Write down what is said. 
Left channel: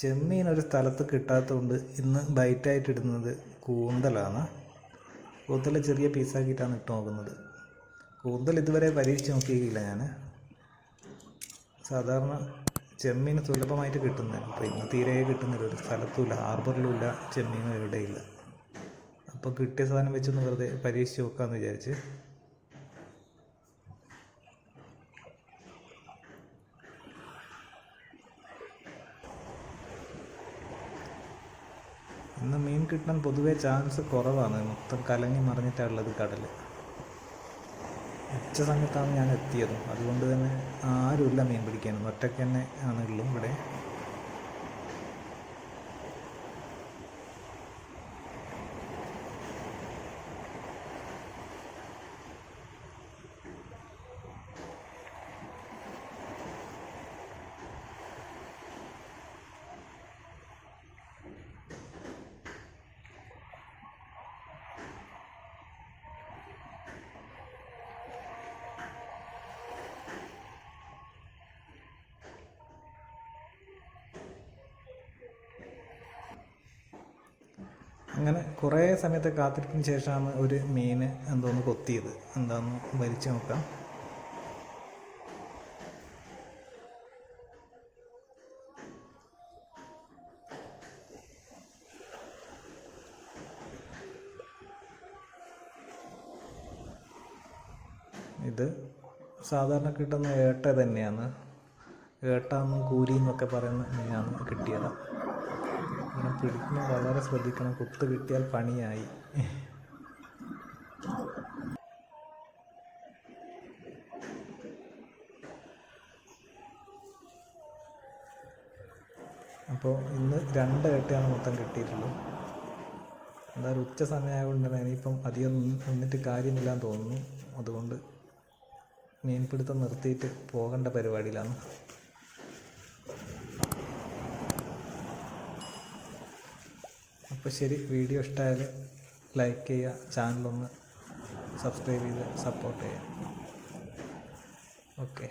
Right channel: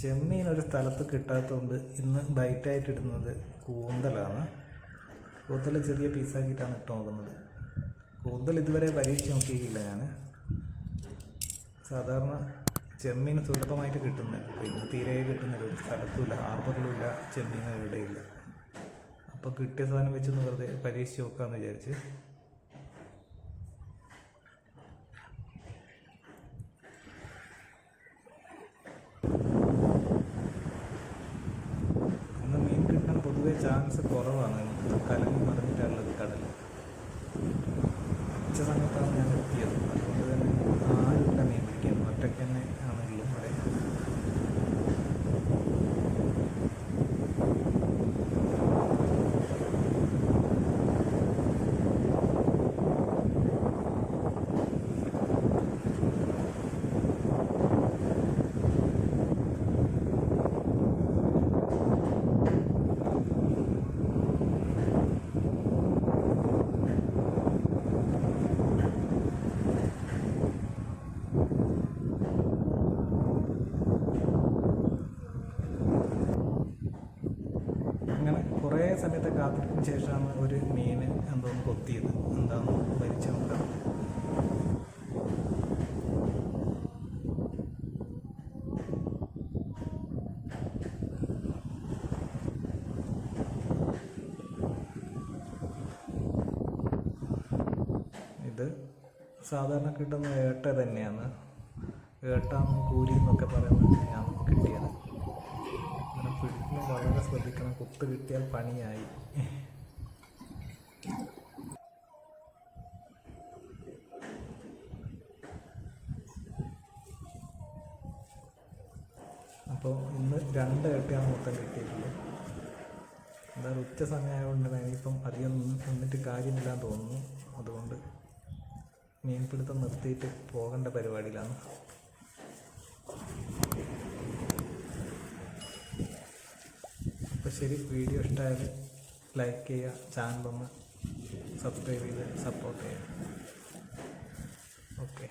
ചെമ്മീൻ ഒരു സ്ഥലത്ത് കിട്ടാത്തതുകൊണ്ട് ഇന്ന് ബൈറ്റായിട്ട് ഇടുന്നത് കൂന്തലാണ്. കൂന്തൽ ചെറിയ പീസാക്കിയിട്ടാണ് ഇട്ട് നോക്കുന്നത്. കൂന്തൽ ഇതുവരെ പരീക്ഷിച്ച് നോക്കിയില്ല ഞാൻ സാധാരണ ചെമ്മീൻ സുലഭമായിട്ട് കിട്ടുന്നില്ല അപ്പോൾ ഇന്ന് തീരെ കിട്ടുന്നില്ല ഒരു സ്ഥലത്തുമില്ല ഹാർബറിലുമില്ല ചെമ്മീൻ എവിടെയില്ല. അപ്പോൾ കിട്ടിയ സാധനം വെച്ചൊന്ന് വെറുതെ പരീക്ഷിച്ച് നോക്കാമെന്ന് വിചാരിച്ച് ഇന്ന് മീൻ കിട്ടാൻ പൊതുവേ ചാൻസ് കുറവാണ്. മൊത്തം കലങ്ങി മറിഞ്ഞിട്ടുള്ളത് കടൽ ഉച്ച സമയത്താണ് ഞാൻ എത്തിയത്. അതുകൊണ്ട് തന്നെ ആരുമില്ല മീൻ പിടിക്കാൻ ഒറ്റയ്ക്ക് തന്നെ ആണെങ്കിലും ഇവിടെ അങ്ങനെ കുറേ സമയത്തെ കാത്തിരിപ്പിന് ശേഷമാണ് ഒരു മീൻ എന്തോന്ന് കൊത്തിയത്. എന്താന്ന് ഭരിച്ചു നോക്കാം. ഇത് സാധാരണ കിട്ടുന്ന ഏട്ട തന്നെയാണ്. ഏട്ടാന്നും കൂരി എന്നൊക്കെ പറയുന്ന മീനാണ് കിട്ടിയത്. പിടിക്കുമ്പോൾ വളരെ ശ്രദ്ധിക്കണം. കുത്ത് കിട്ടിയാൽ പണിയായി. അപ്പോൾ ഇന്ന് രണ്ട് കെട്ടിയാണ് മൊത്തം കിട്ടിയിട്ടുള്ളത്. എന്തായാലും ഉച്ച സമയമായതുകൊണ്ട് ഇനിയിപ്പം അധികം നിന്നിട്ട് കാര്യമില്ലാന്ന് തോന്നുന്നു. അതുകൊണ്ട് മീൻപിടുത്തം നിർത്തിയിട്ട് പോകേണ്ട പരിപാടിയിലാണ്. അപ്പോൾ ശരി വീഡിയോ ഇഷ്ടമായത് ലൈക്ക് ചെയ്യുക ചാനലൊന്ന് സബ്സ്ക്രൈബ് ചെയ്യുക സപ്പോർട്ട് ചെയ്യുക ഓക്കെ